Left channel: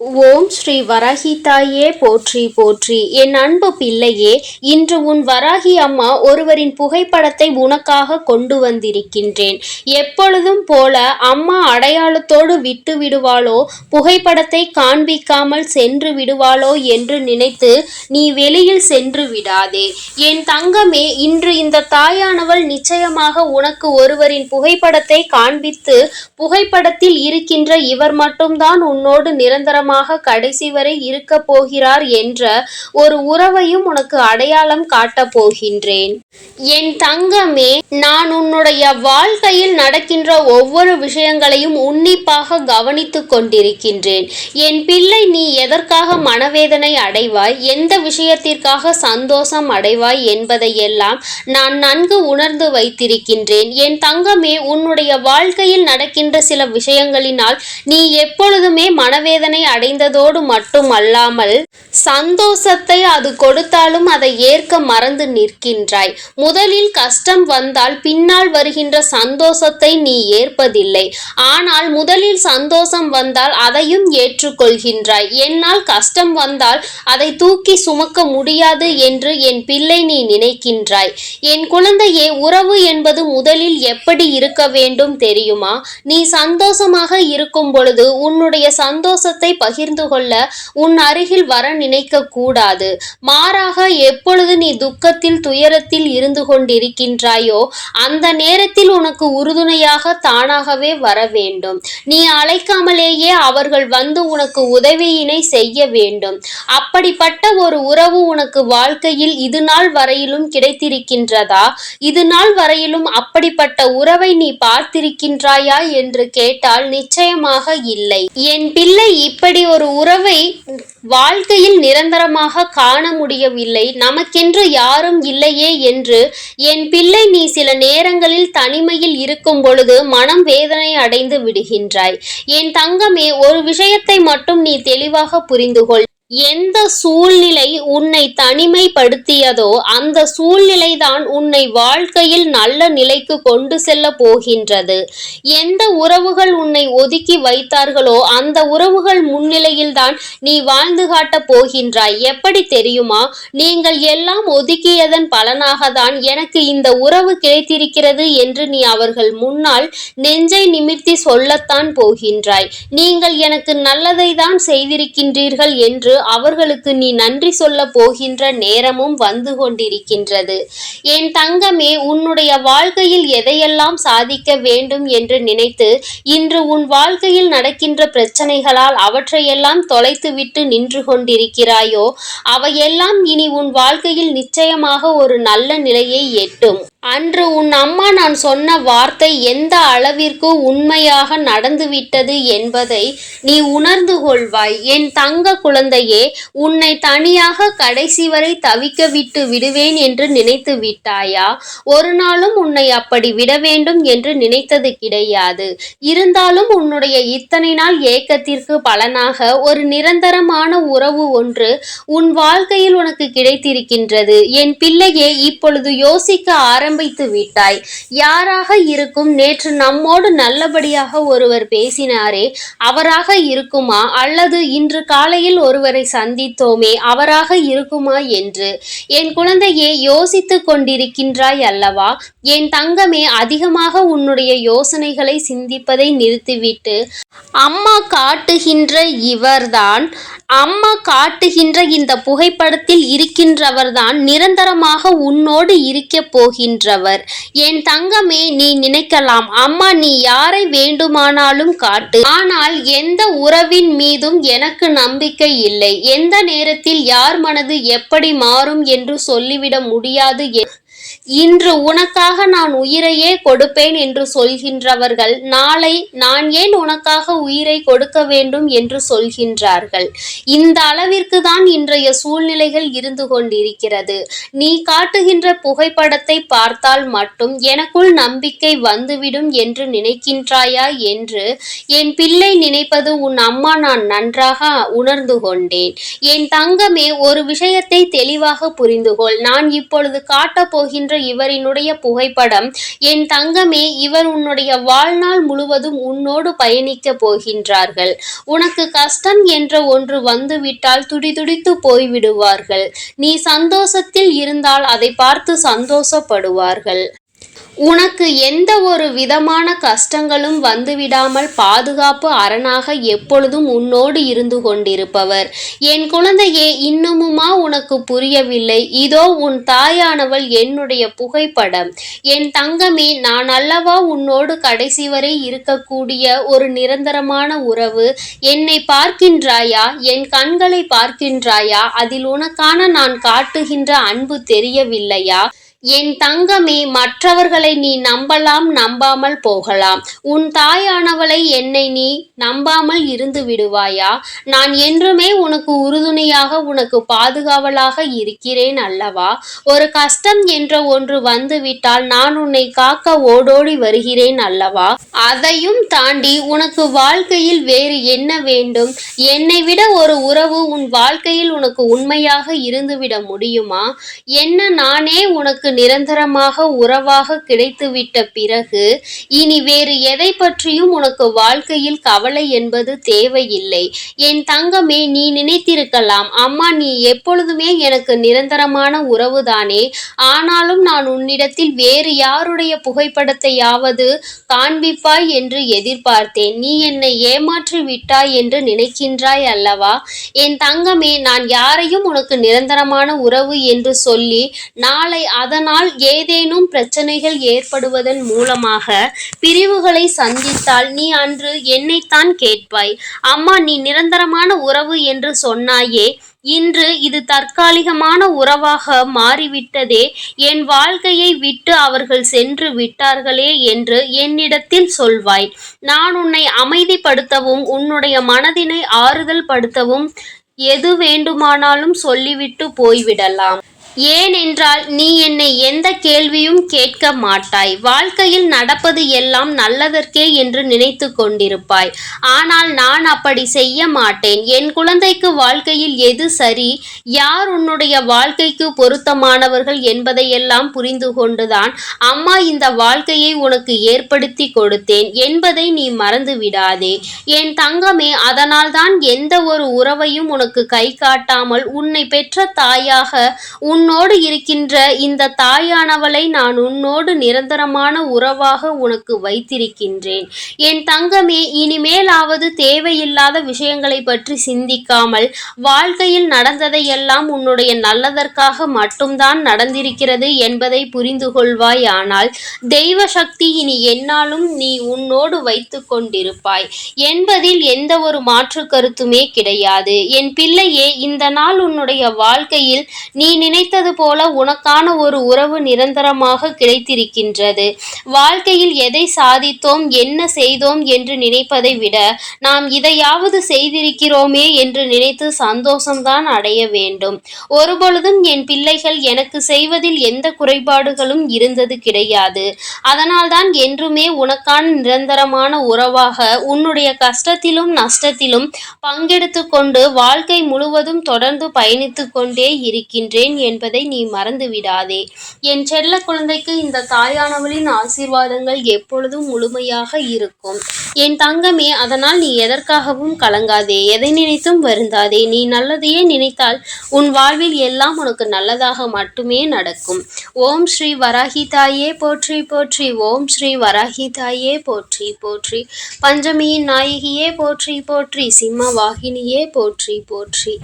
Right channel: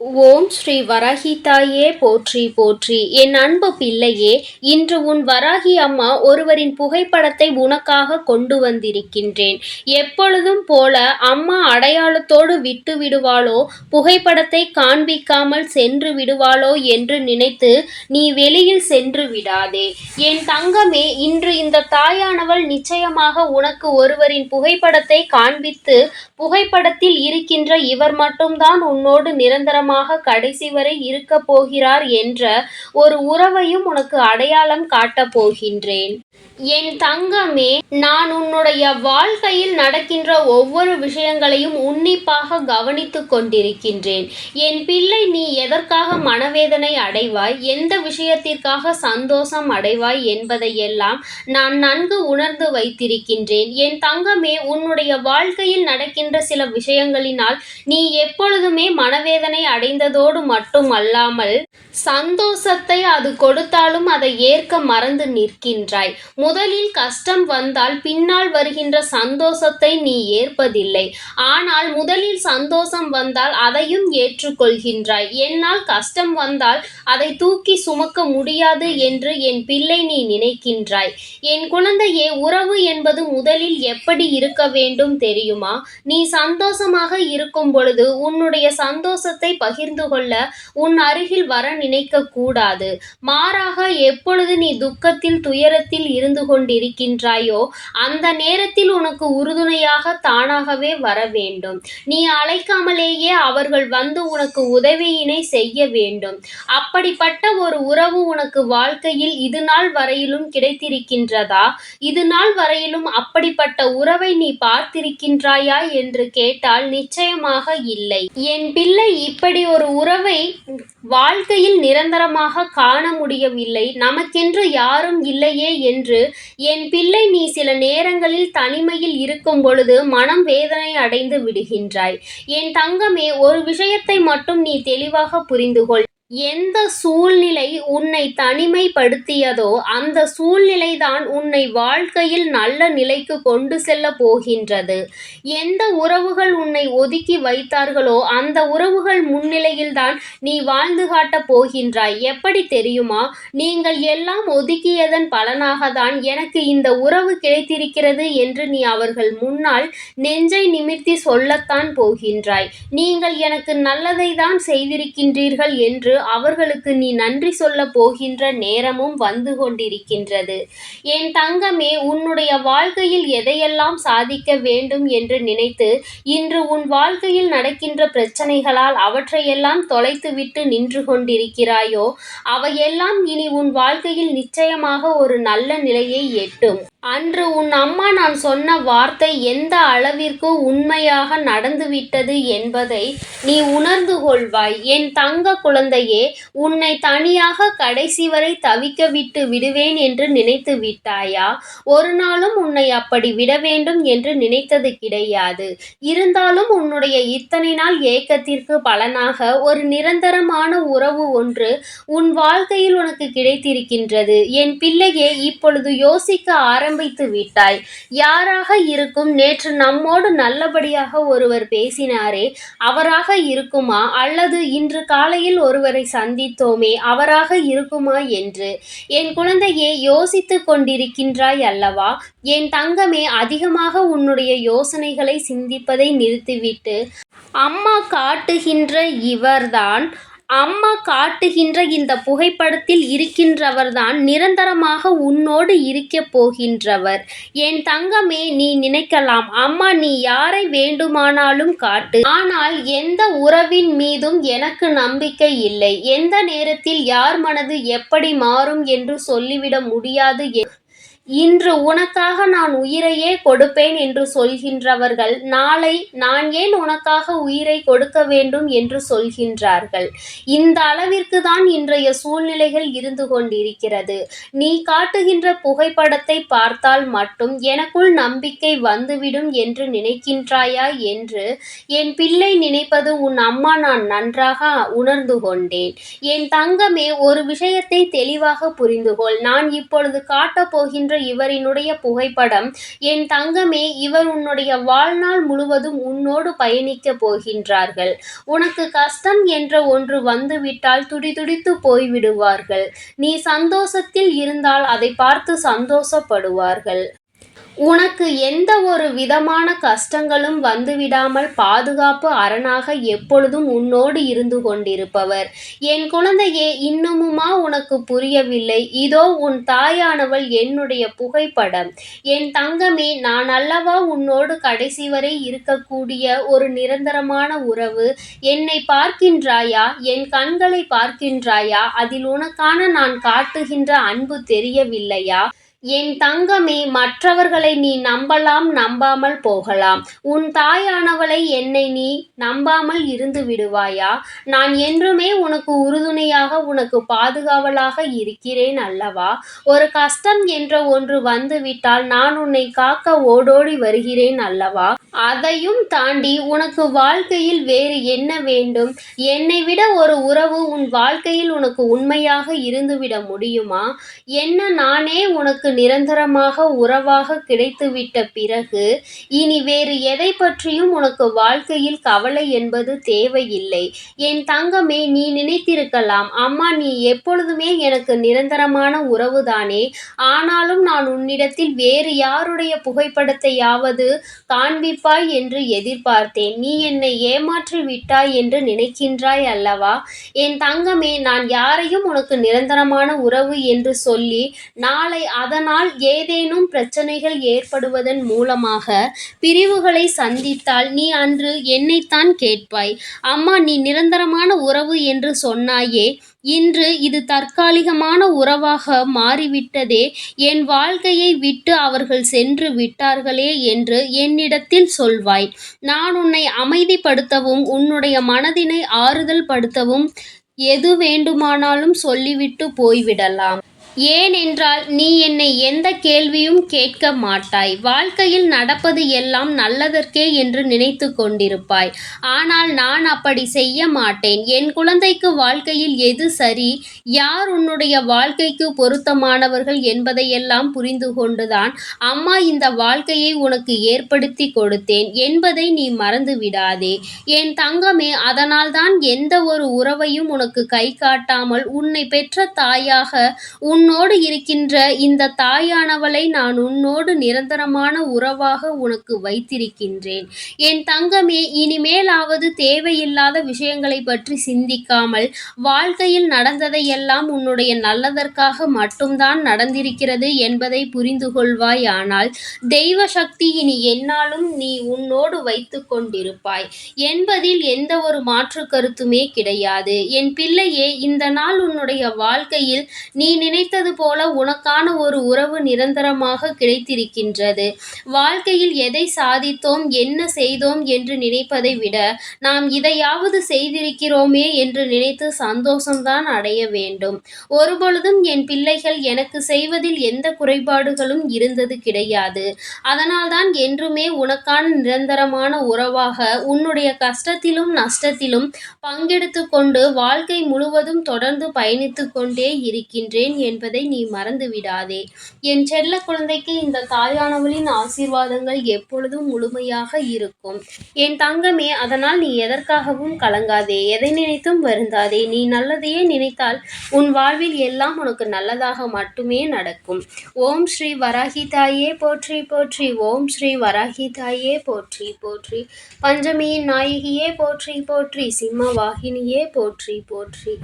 ஓம் ஸ்ரீ வராகி தாயே போற்றி போற்றி. என் அன்பு பிள்ளையே இன்று உன் வராகி அம்மா ஒருவரின் புகைப்படத்தை உனக்காக கொண்டு வந்திருக்கின்றேன். எப்பொழுதும் போல அம்மா அடையாளத்தோடு விட்டு விடுவாளோ புகைப்படத்தை காண்பிக்காமல் சென்று விடுவாளோ என்று நினைத்து நீ வெளியில் சென்று விடாதே. என் தங்கமே இன்று இந்த தாயானவள் நிச்சயமாக உனக்கு ஒருவரின் புகைப்படத்தை காண்பித்து புகைப்படத்தில் இருக்கின்ற இவர் மட்டும்தான் உன்னோடு நிரந்தரமாக கடைசி வரை இருக்க போகிறார் என்ற ஒரு உறவையும் உனக்கு அடையாளம் காட்டப் போகின்றேன். என் தங்கமே நான் உன்னுடைய வாழ்க்கையில் நடக்கின்ற ஒவ்வொரு விஷயங்களையும் உன்னிப்பாக கவனித்துக் கொண்டிருக்கின்றேன். என் பிள்ளை நீ எதற்காக மனவேதனை அடைவாய்? எந்த விஷயத்திற்காக சந்தோஷம் அடைவாய் என்பதையெல்லாம் நான் நன்கு உணர்ந்து வைத்திருக்கின்றேன். என் தங்கமே உன்னுடைய வாழ்க்கையில் நடக்கின்ற சில விஷயங்களினால் நீ எப்பொழுதுமே மனவேதனை அடைந்ததோடு மட்டுமல்லாமல் சந்தோஷத்தை அது கொடுத்தாலும் அதை ஏற்க மறந்து நிற்கின்றாய். முதலில் கஷ்டம் வந்தால் பின்னால் வருகின்ற சந்தோஷத்தை நீ ஏற்பதில்லை. ஆனால் முதலில் சந்தோஷம் வந்தால் அதையும் ஏற்றுக்கொள்கின்றாய். என்னால் கஷ்டம் வந்தால் அதை தூக்கி சுமக்க முடியாது என்று என் பிள்ளை நீ நினைக்கின்றாய். என் குழந்தையே உறவு என்பது முதலில் எப்படி இருக்க வேண்டும் தெரியுமா? நீ சந்தோஷமாக இருக்கும் பொழுது உன்னுடைய சந்தோஷத்தை பகிர்ந்து கொள்ள உன் அருகில் வர நினைக்க கூடாது மாறாக எப்பொழுது நீ துக்கத்தில் துயரத்தில் இருந்து கொண்டிருக்கின்றாயோ அந்த நேரத்தில் உனக்கு உறுதுணையாக தானாகவே வர வேண்டும். நீ அழைக்காமலேயே அவர்கள் வந்து உனக்கு உதவியினை செய்ய வேண்டும். அப்படிப்பட்ட ஒரு உறவு உனக்கு வாழ்க்கையில் இது நாள் வரையிலும் கிடைத்திருக்கின்றதா? இது நாள் வரையிலும் அப்படிப்பட்ட உறவை நீ பார்த்திருக்கின்றாயா என்று கேட்டால் நிச்சயமாக இல்லை. என் பிள்ளை இப்படி ஒரு உறவை வாழ்க்கையில் நிரந்தரமாக காண முடியவில்லை. நமக்கென்று யாரும் இல்லையே என்று என் பிள்ளை நீ சில நேரங்களில் தனிமையில் இருக்கும் பொழுது மனம் வேதனை அடைந்து விடுகின்றாய். என் தங்கமே ஒரு விஷயத்தை மட்டும் நீ தெளிவாக புரிந்துகொள். எந்த சூழ்நிலை உன்னை தனிமைப்படுத்தியதோ அந்த சூழ்நிலைதான் உன்னை வாழ்க்கையில் நல்ல நிலைக்கு கொண்டு செல்ல போகின்றது. எந்த உறவுகள் உன்னை ஒதுக்கி வைத்தார்களோ அந்த உறவுகள் முன்னிலையில்தான் நீ வாழ்ந்து காட்டப் போகின்றாய். எப்படி தெரியுமா? நீங்கள் எல்லாம் ஒதுக்கியதன் பலனாக தான் எனக்கு இந்த உறவு கிடைத்திருக்கிறது என்று நீ அவர்கள் முன்னால் நெஞ்சை நிமிர்த்தி சொல்லத்தான் போகின்றாய். நீங்கள் எனக்கு நல்லதை தான் செய்திருக்கின்றீர்கள் என்று அவர்களுக்கு நீ நன்றி சொல்ல போகின்ற நேரமும் வந்து கொண்டிருக்கின்றது. என் தங்கமே உன்னுடைய வாழ்க்கையில் எதையெல்லாம் சாதிக்க வேண்டும் என்று நினைத்து இன்று உன் வாழ்க்கையில் நடக்கின்ற பிரச்சனைகளால் அவற்றையெல்லாம் தொலைத்துவிட்டு நின்று கொண்டிருக்கிறாயோ அவையெல்லாம் இனி உன் வாழ்க்கையில் நிச்சயமாக ஒரு நல்ல நிலையை எட்டும். அன்று உன் அம்மா நான் சொன்ன வார்த்தை எந்த அளவிற்கு உண்மையாக நடந்துவிட்டது என்பதை நீ உணர்ந்து கொள்வாய். என் தங்க குழந்தையே உன்னை தனியாக கடைசி வரை தவிக்க விட்டு விடுவேன் என்று நினைத்து விட்டாயா? ஒரு நாளும் உன்னை அப்படி விட வேண்டும் என்று நினைத்தது கிடையாது. இருந்தாலும் உன்னுடைய இத்தனை நாள் ஏக்கத்திற்கு பலனாக ஒரு நிரந்தரமான உறவு ஒன்று உன் வாழ்க்கையில் உனக்கு கிடைத்திருக்கின்றது. என் பிள்ளையே இப்பொழுது யோசிக்க ஆரம்பித்து விட்டாய். யாராக இருக்கும்? நேற்று நம்மோடு நல்லபடியாக ஒருவர் பேசினாரே. அவராக இருக்குமா? அல்லது இன்று காலையில் ஒருவரை சந்தித்தோமே? அவராக இருக்குமா என்று. என் குழந்தையே யோசித்து கொண்டிருக்கின்றாய் அல்லவா? என் தங்கமே அதிகமாக உன்னுடைய யோசனைகளை சிந்திப்பதை நிறுத்திவிட்டு அம்மா காட்டுகின்ற இவர்தான் அம்மா காட்டுகின்ற இந்த புகைப்படத்தில் இருக்கின்றவர்தான் நிரந்தரமாக உன்னோடு இருக்க போகின்றவர். என் தங்கமே நீ நினைக்கலாம். அம்மா நீ யாரை வேண்டுமானாலும் காட்டு. ஆனால் எந்த உறவின் மீதும் எனக்கு நம்பிக்கை இல்லை. எந்த நேரத்தில் யார் மனது எப்படி மாறும் என்று சொல்லிவிட முடியாது இன்று உனக்காக நான் உயிரையே கொடுப்பேன் என்று சொல்கின்றவர்கள் நாளை நான் ஏன் உனக்காக உயிரை கொடுக்க வேண்டும் என்று சொல்கின்றார்கள். இந்த அளவிற்கு தான் இன்றைய சூழ்நிலைகள் இருந்து கொண்டிருக்கிறது. நீ காட்டுகின்ற புகைப்படத்தை பார்த்தால் மட்டும் எனக்குள் நம்பிக்கை வந்துவிடும் என்று நினைக்கின்றாயா என்று என் பிள்ளை நினைப்பது உன் அம்மா நான் நன்றாக உணர்ந்து கொண்டேன். என் தங்கமே ஒரு விஷயத்தை தெளிவாக புரிந்துகொள். நான் இப்பொழுது காட்டப் போகின்ற இவரினுடைய புகைப்படம் என் தங்கமே இவர் உன்னுடைய வாழ்நாள் முழுவதும் உன்னோடு பயணிக்க போகின்றார்கள். உனக்கு கஷ்டம் என்ற ஒன்று வந்துவிட்டால் துடிதுடித்து போய்விடுவார்கள். நீ சந்தோஷத்தில் இருந்தால் அதை பார்த்து சந்தோஷப்படுவார்கள். உனக்கு எந்த ஒரு விதமான கஷ்டங்களும் வந்துவிடாமல் பாதுகாப்பு அரணாக எப்பொழுதும் உன்னோடு இருந்து கொண்டிருப்பவர். என் குழந்தையே இன்னமுமா உனக்கு புரியவில்லை. இதோ உன் தாயானவள் என்னுடைய புகைப்படம். என் தங்கமே நான் அல்லவா உன்னோடு கடைசி வரை இருக்கக்கூடிய ஒரு நிரந்தரமான உறவு? என்னை பார்க்கின்றாயா? என் கண்களை பார்க்கின்றாயா? அதில் உனக்கான நான் காட்டுகின்ற அன்பு தெரியவில்லையா? என் தங்கமே மற்றவர்களை நீ நம்பலாம் நம்பாமல் போகலாம். உன் தாயானவளை என்னை நீ நம்பாமல் இருந்து விடுவாயா? நான் என்றுமே உனக்கு உறுதுணையாக உனக்கு பாதுகாவலாக இருக்கிறேன் அல்லவா? ஒரு கஷ்டம் என்ற ஒன்று வந்துவிட்டால் நான் உன்னை காக்க ஓடோடி வருகிறேன் அல்லவா? அதையும் தாண்டி உனக்கு வாழ்க்கையில் வேறு என்ன வேண்டும்? என்னை விட ஒரு உறவு உன் வாழ்க்கையில் உனக்கு உண்மையாக இருந்துவிட முடியுமா? என்ன நானே உனக்கு நிரந்தரமாக உறவாக கிடைத்துவிட்ட பிறகு இனி வேறு எதை பற்றியும் உனக்கு வாழ்க்கையில் கவலை என்பது தேவையில்லை. என் தங்கமே நீ நினைத்திருக்கலாம் அம்மா நீ எப்பொழுதுமே எனக்கு நிரந்தரமான உறவுதானே. ஆனாலும் நான் உன்னிடத்தில் வேறு யாருடைய புகைப்படத்தையாவது காண்பிப்பாய் என்று எதிர்பார்த்தேன். நீ என்னை ஏமாற்றி விட்டாய் என்று நினைக்கின்றாய் அல்லவா? என் தங்கமே நான் யாரையும் உனக்கு நிரந்தரமான உறவு என்று சொல்லி நாளை அதன் அதனால் ஏதேனும் பிரச்சனைகள் ஏற்படுவதன் மூலமாக பிரிவுகளை சந்தித்தால் நீ அன்று என்னைத்தான் கேட்பாய். அம்மா நீ நிரந்தரமான உறவு என்று சொன்னாயே இன்று இது தற்காலிகமான உறவாக மாறிவிட்டதே என் வாழ்க்கையை விட்டு அவர்கள் சென்று விட்டார்களே என்று என்னிடத்தில் சொல்வாய். நான் உன்னை அமைதிப்படுத்தவும் உன்னுடைய மனதினை ஆறுதல் படுத்தவும் எது வேண்டுமானாலும் சொல்லிவிட்டு போய்விடலாம். ஏனென்றால் நீ என்னை எந்த கேள்வியும் கேட்க மாட்டாய். வாழ்க்கையில் நடப்பது எல்லாம் நல்லதற்கே என்று நினைத்து கொண்டிருப்பாய். ஆனால் நான் அப்படி செய்ய மாட்டேன். என் குழந்தைக்கு வாழ்க்கையில் எது சரி? யார் உன்னுடைய வாழ்க்கைக்கு பொருத்தமானவர்கள் என்பதையெல்லாம் புரிந்து கொண்டுதான் அம்மா இந்த வாழ்க்கையை உனக்கு ஏற்படுத்தி கொடுத்தேன் என்பதை நீ மறந்து விடாதே. என் தங்கமே அதனால்தான் எந்த ஒரு உறவையும் உனக்கு கை காட்டாமல் உன்னை பெற்ற தாயாக உன் உன்னோடு இருக்கின்ற இந்த தாயானவளை நான் உன்னோடு நிரந்தரமான உறவாக உனக்கு வைத்திருக்கின்றேன். என் தங்கமே இனிமேலாவது தேவையில்லாத விஷயங்களை பற்றி சிந்திக்காமல் வாழ்க்கையில் நடந்ததையெல்லாம் உன்னுடைய நல்லதற்காக மட்டும்தான் நடந்திருக்கிறது என்பதை புரிந்து கொள்வாய் ஆனால் தெய்வ சக்தி இனி என்னாலும் நீ உன்னோடு வைத்து கொண்டிருப்பாய். என்பதில் எந்த ஒரு மாற்று கருத்துமே கிடையாது. என் பிள்ளையே இந்த நாள் உன்னுடைய வாழ்க்கையில் நீ நினைத்த கிடைத்தது போல உனக்கான ஒரு உறவு நிரந்தரமாக கிடைத்திருக்கின்றது. வாழ்க்கையில் எதை சாதித்தோம் என்ன செய்தோம் என்று நினைப்பதை விட நாம் இதையாவது செய்திருக்கிறோமே என்று நினைத்து சந்தோஷம்தான் அடைய வேண்டும். ஒருபொழுதும் என் பிள்ளைகள் எனக்கு செய்வதில் எந்த குறைபாடுகளும் இருந்தது கிடையாது. அதனால்தான் என்றுமே உனக்கான நிரந்தரமான உறவாக உன்னுடைய கஷ்டத்திலும் நஷ்டத்திலும் பங்கெடுத்து கொண்டு வாழ்க்கை முழுவதும் தொடர்ந்து பயணித்து கொண்டே இருக்கின்றேன் என்று என்பதை நீ மறந்து விடாதே. என் செல்ல குழந்தைக்கு இந்த தாயானவளின் ஆசீர்வாதங்கள் எப்பொழுதும் முழுமையாக இருக்கும். என் தங்கமே அதனால் நீ எதற்காகவும் கலங்காதே. எதை நினைத்தும் வருந்தாதே. நீ நல்லதையே நினைத்தால் உன் வாழ்வில் எல்லாம் உனக்கு நல்லதாக மட்டுமே நடக்கும். ஓம் ஸ்ரீ வராகி தாயே போற்றி போற்றி. ஓம் ஸ்ரீ வராகி தாயே போற்றி போற்றி. பஞ்சமியின் நாயகியே போற்றி போற்றி. சிம்ம வாகினியே போற்றி போற்றி.